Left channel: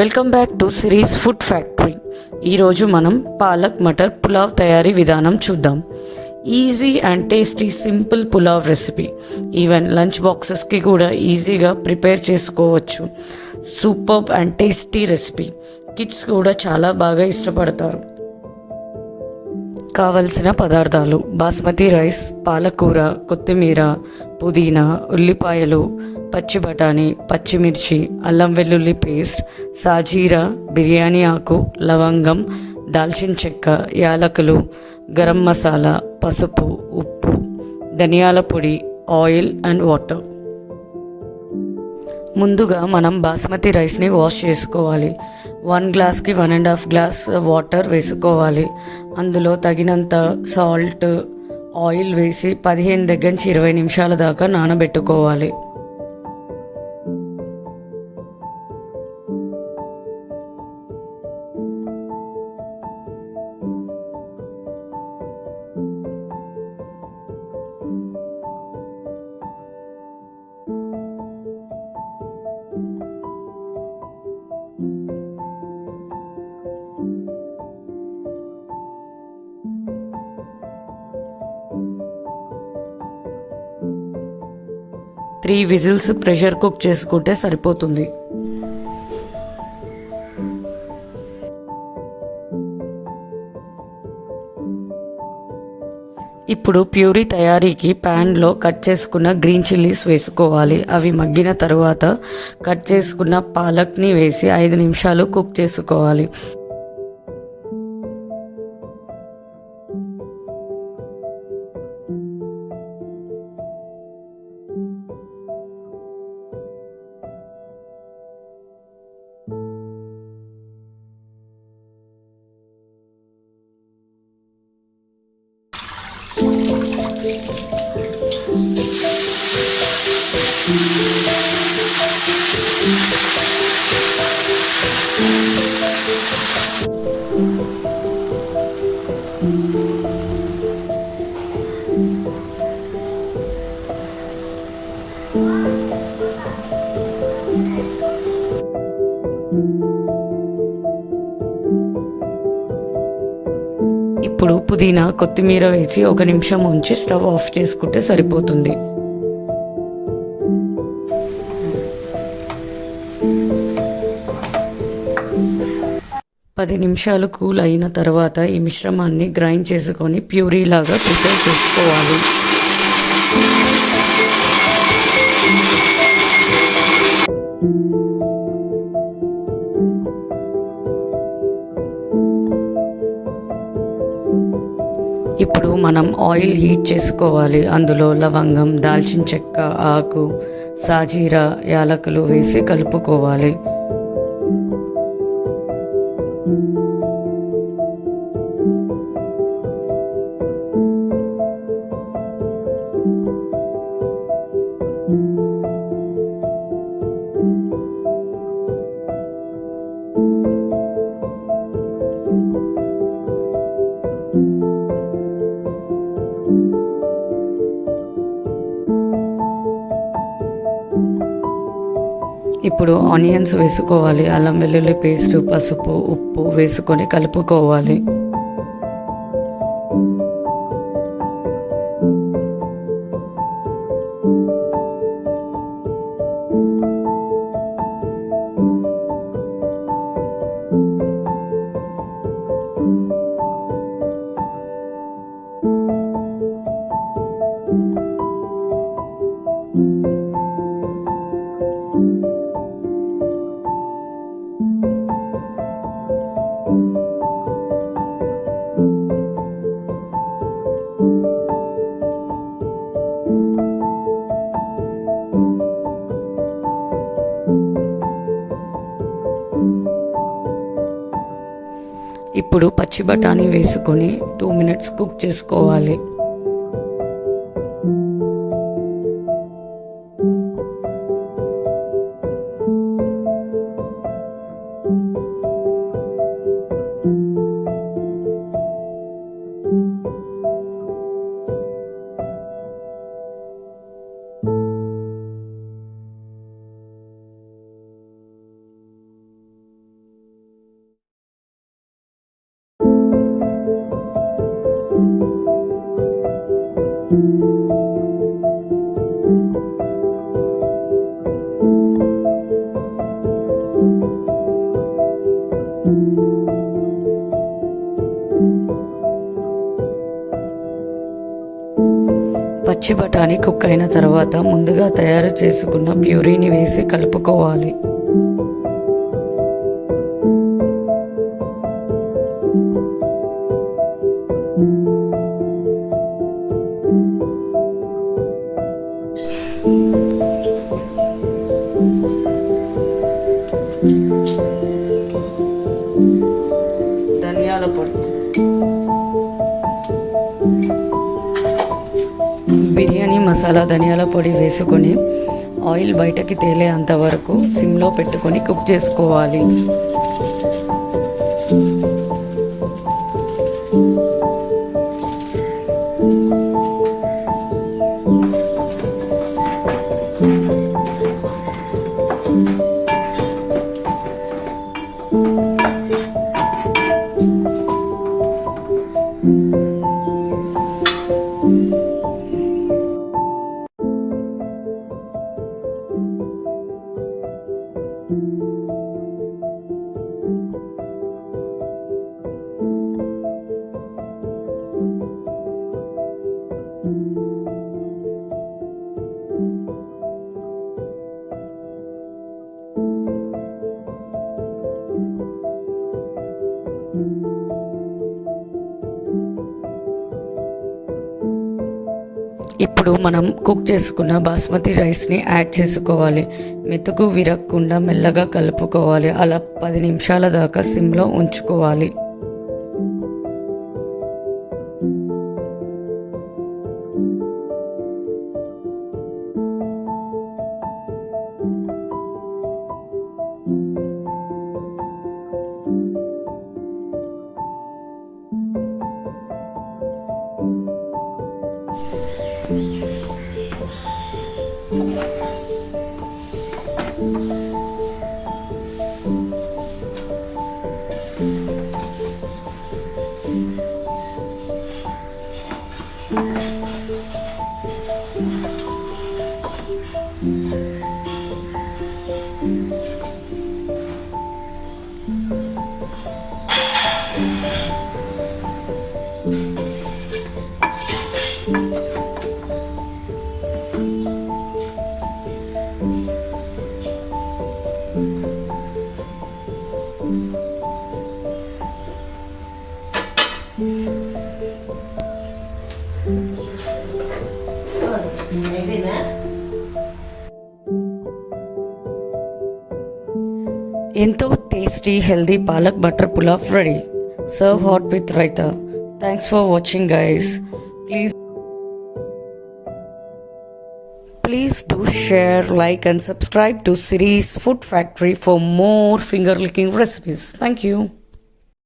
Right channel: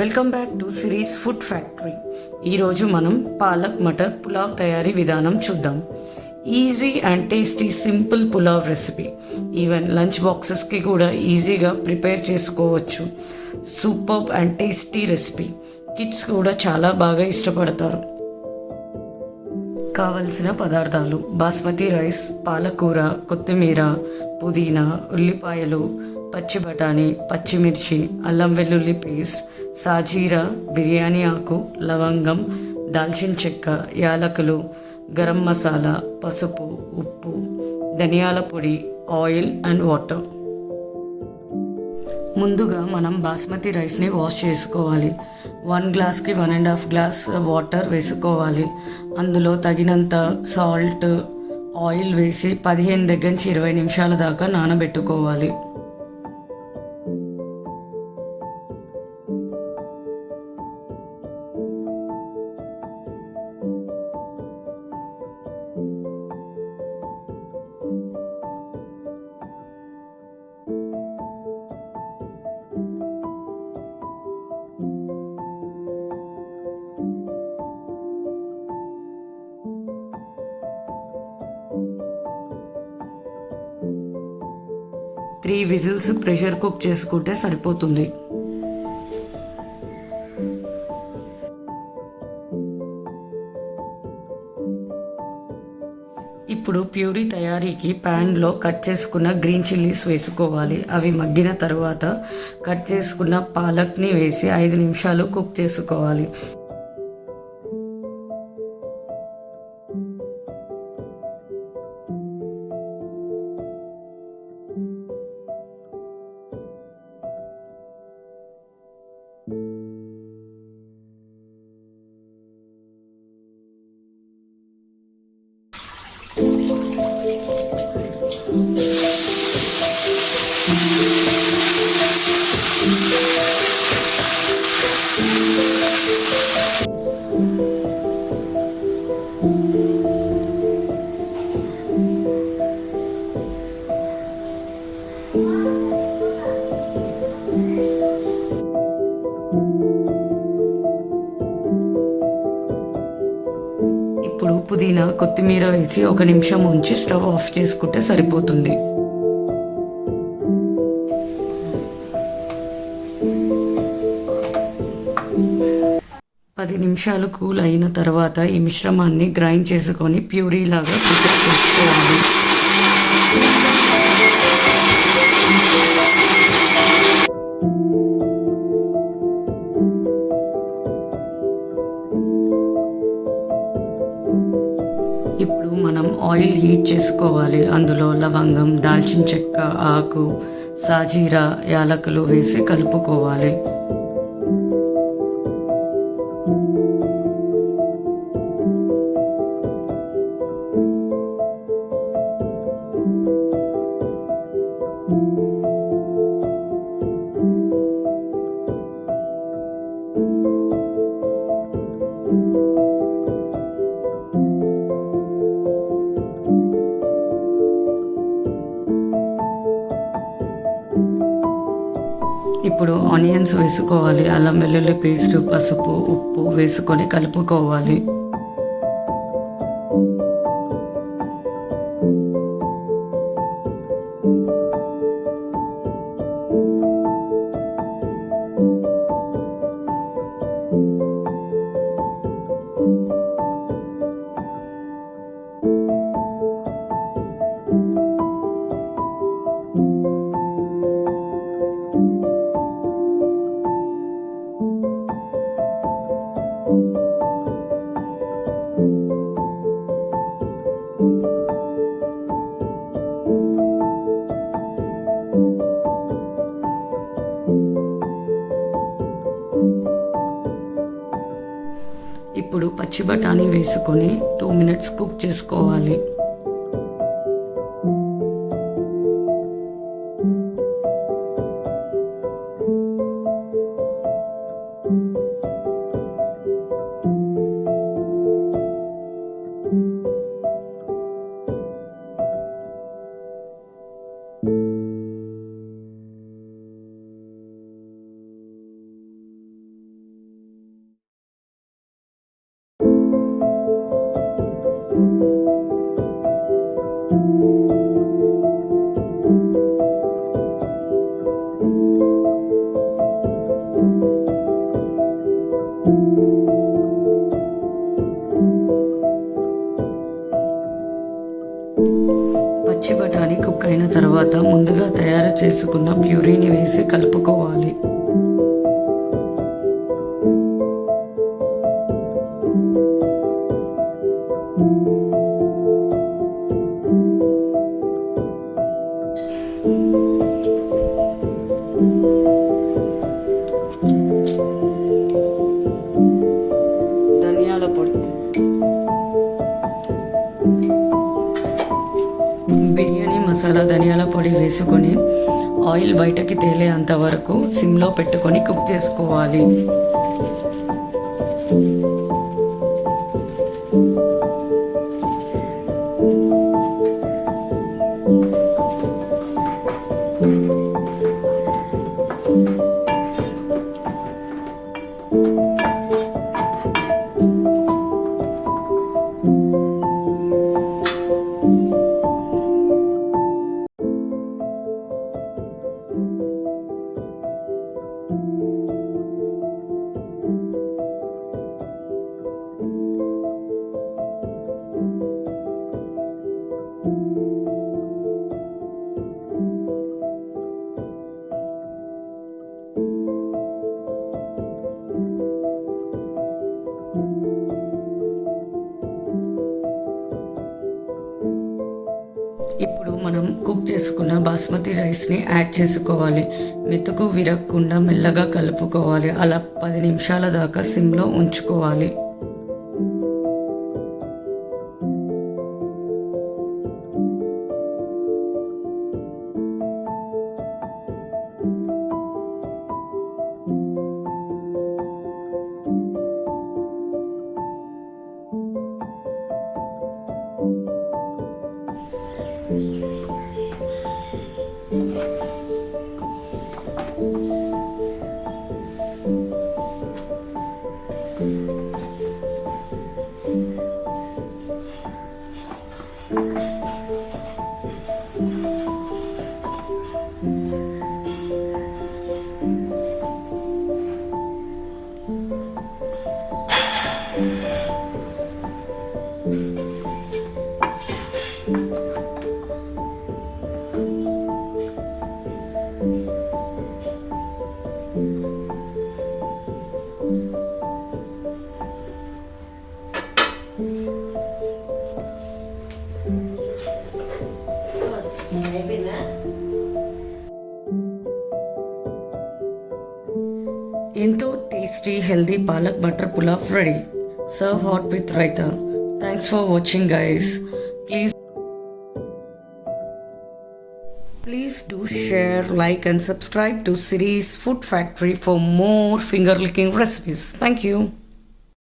Welcome back to Siri's food factory. ఈరోజు మనం పాలక్ మటర్ పులావ్ తయారీ విధానం చూద్దాం. Easy and tasty simple pulao recipe. Even lunch బాక్సెస్కి కూడా ఈజీగా ప్రిపేర్ చేసుకోవచ్చు. Superb and tasty recipe. Kids కూడా చాలా బాగా ఇష్టపడతారు. కావలసిన పదార్థాలు: బాస్మతి రైస్, పాలకూర, కొత్తిమీర, పుదీనా, ఉల్లిపాయలు, పచ్చి బఠానీ, పచ్చిమిర్చి, అల్లం వెల్లుల్లి పేస్ట్, సాజీరా, బిర్యానీ ఆకు, లవంగం, దాల్చిన చెక్క, యాలకులు, గరం మసాలా, పసుపు, ఉప్పు, ధనియాల పొడి, ఆయిల్ అండ్ వాటర్. ముందుగా మనం బాస్మతి రైస్ని వాష్ చేసుకోవాలి. 1 గ్లాస్కి 1.5 గ్లాస్ వాటర్ వేసుకోవాలి. అందులో తగినంత సాల్ట్, ఆయిల్ వేసి 15 దగ్గర నుంచి 20 నిమిషాల దాకా నానబెట్టుకోవాలి. త్రీ విజిల్స్ ప్రెషర్ కుక్ చేసుకుంటే సరిపోతుంది. ఇప్పుడు ప్యూరీ తయారీకి ప్యాన్లో కట్ చేసుకున్న గ్రీన్ చిల్లీస్ వేసుకోవాలి. అవి మగ్గిన తర్వాత కట్ చేసుకున్న పాలక్ని వేసి 5 నిమిషాలు కుక్ చేసుకోవాలి. ఇప్పుడు పుదీనా, కొత్తిమీర వేసి 1 నిమిషం ఉంచి స్టవ్ ఆఫ్ చేసుకుంటే సరిపోతుంది. పది నిమిషాలు కూల్ అయిన తర్వాత ఈ మిశ్రమాన్ని గ్రైండ్ చేసుకొని ప్యూరీలాగా ప్రిపేర్ చేసుకోవాలి. ఇప్పుడు మనం ఆయిల్ హీట్ చేసుకోవాలి. అందులో లవంగం, దాల్చిన చెక్క, ఆకు, సాజీరా, యాలకులు వేసి కలుపుకోవాలి. ఇప్పుడు ఆనియన్స్ వేసుకోవాలి. అల్లం వెల్లుల్లి పేస్ట్, పసుపు, ఉప్పు వేసుకొని కలుపుకోవాలి. ఇప్పుడు పచ్చి బఠానీ వేసుకొని 2 మినిట్స్ కుక్ చేసుకోవాలి. కుక్ అయిన తర్వాత ముందుగా తయారు చేసుకున్న ప్యూరీని వేసి కలుపుకోవాలి. ధనియాల పొడి, బిర్యానీ మసాలా, ధనియాల పొడి వేసుకొని ఆయిల్ బయటకి తేలేంత వరకు సిమ్లో పెట్టుకొని కుక్ చేసుకోవాలి. ఇప్పుడు మనం కుక్ చేసుకున్న బాస్మతి రైస్ని యాడ్ చేసుకోవాలి. మెతుకు విరగకుండా మెల్లగా కలుపుకోవాలి. అలా 10 నిమిషాల దాకా సిమ్లో ఉంచుకోవాలి. ఎంతో tasty healthy palak butter pulao ready. Serve hot with raita. Thanks for watching guys. Please do share, like and subscribe to Siri's Food Factory for more finger licking recipes. Thank you.